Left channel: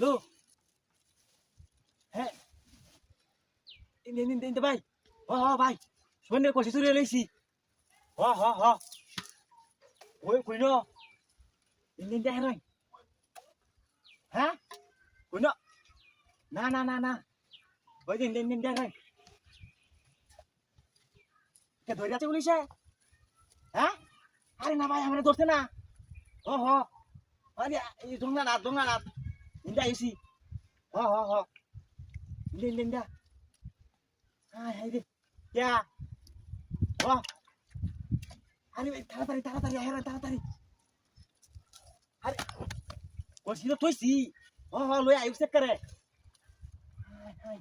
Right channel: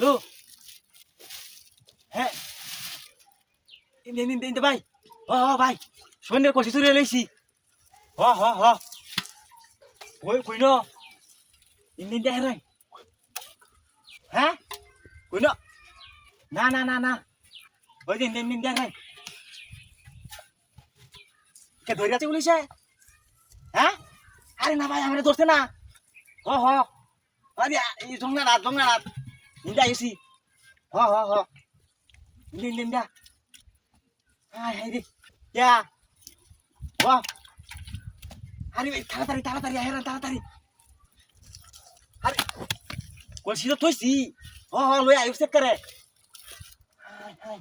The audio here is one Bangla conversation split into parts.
হ্যালো হ্যাঁ ইন্দে ভাই ভাই সন্ধ্যের কষি চুরি লইছি ওই কই ইন্দে হেরাই হ্যাঁ কই না ওই যে ইন্দে হেরাই কে ধরে আছে পুলিশে হ্যাঁ আরে না ভাই আমরা ধরছে না আরে এই জংনা রাত ইন্দা আইছি ইন্দা হাই রে ইয়া আরে ভাই তাড়াতাড়ি হেরান তাড়াতাড়ি আরে কলসি তো থইছি লই আইব চেক করে হাই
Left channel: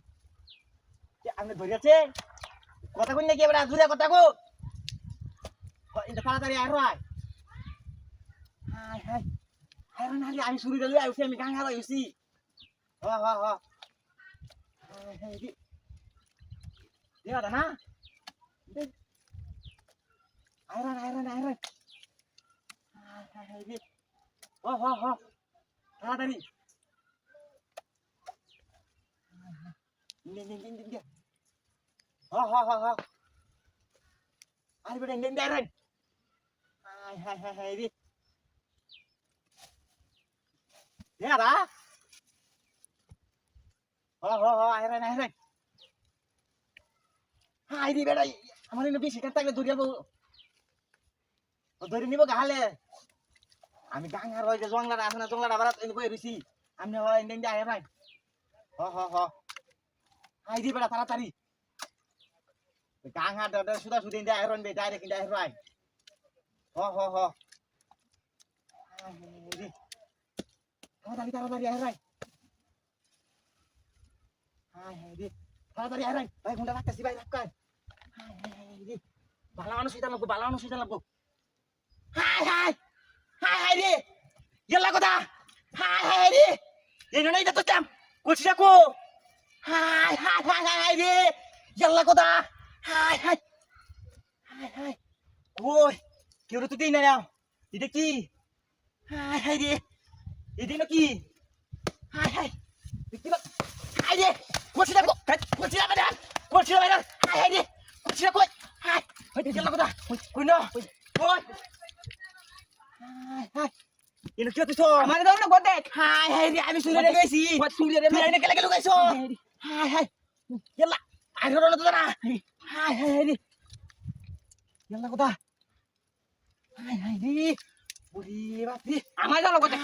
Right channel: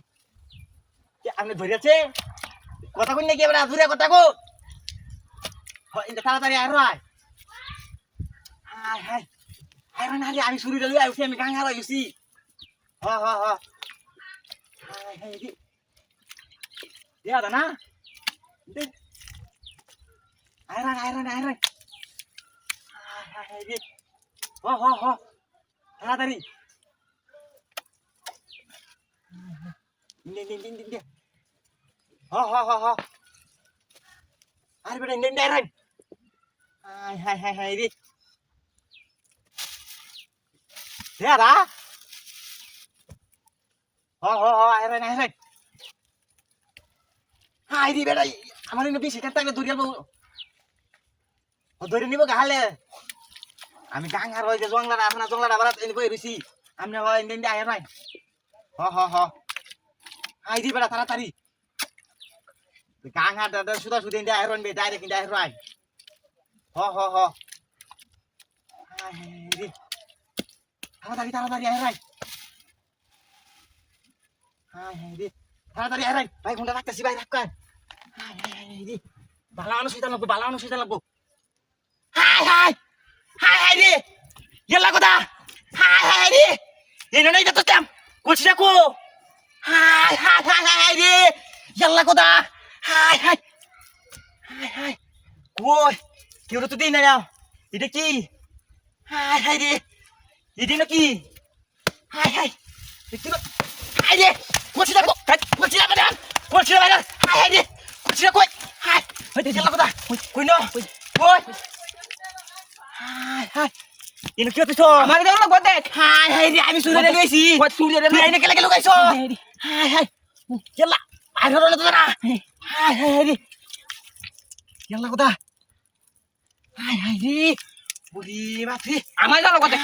কে আপনি ধরে আছে কথা কই নাকি এবার আধুরা কথা কো ইন্দা তাড়াতাড়ি আয় হাই হেরান আরে আমি শুরু লই আইছি আমি গাং হারা আইছি হাই রে দিয়া দা না Iron. Hai di. Taratari. Ini. Ari beda ini Iron. Hai di. Ya dah. Iron. Hai di beda. আমার ইনো বেশি কাট থাকলে ধরিয়াল ধরে নিব গাহালে আমি গাং আর ওই যে জংলাটা আছে না জংলাটা আবার এনে বই রইছি আমনে হয় ইন্দে আয় নাই আই দি বেটা তাড়াতাড়ি গাং আর দাদা সুদা সুদে ইন্দে আয় রন বে ডাইরেক্ট ইন্দে আয় রাই আই দি তাড়াতাড়ি আয় রাই আই দি তাড়াতাড়ি আয় রাই ভাই ঘন্টা রাখতেছি ভাই রাখ কর আই দি বালানো সিটা লাগবো হাই রে গেলা কথা হাই রে এনে নাই তো তেম কইছি রাখো হাই রে গেলা কথা হাই কই কেউ তো দেই না নাও এটা কি হাই রে এটা নাকি হাই দেখি না হাই রে কইছি রাখো কইছি রাখো হাই রে কইছি রাখো হাই গেলা কথা কই না কই হাই ইনো কি হইছো আমার দেখো না গদে হাই রে আমি সুরে গেছি সুরে রে এনে কেলা কেলা গাইছো হাই কেলা আই ধরো না তো না হাই রে কেলা কথা হাই রে ওরে বাপরে আমার জানো কথা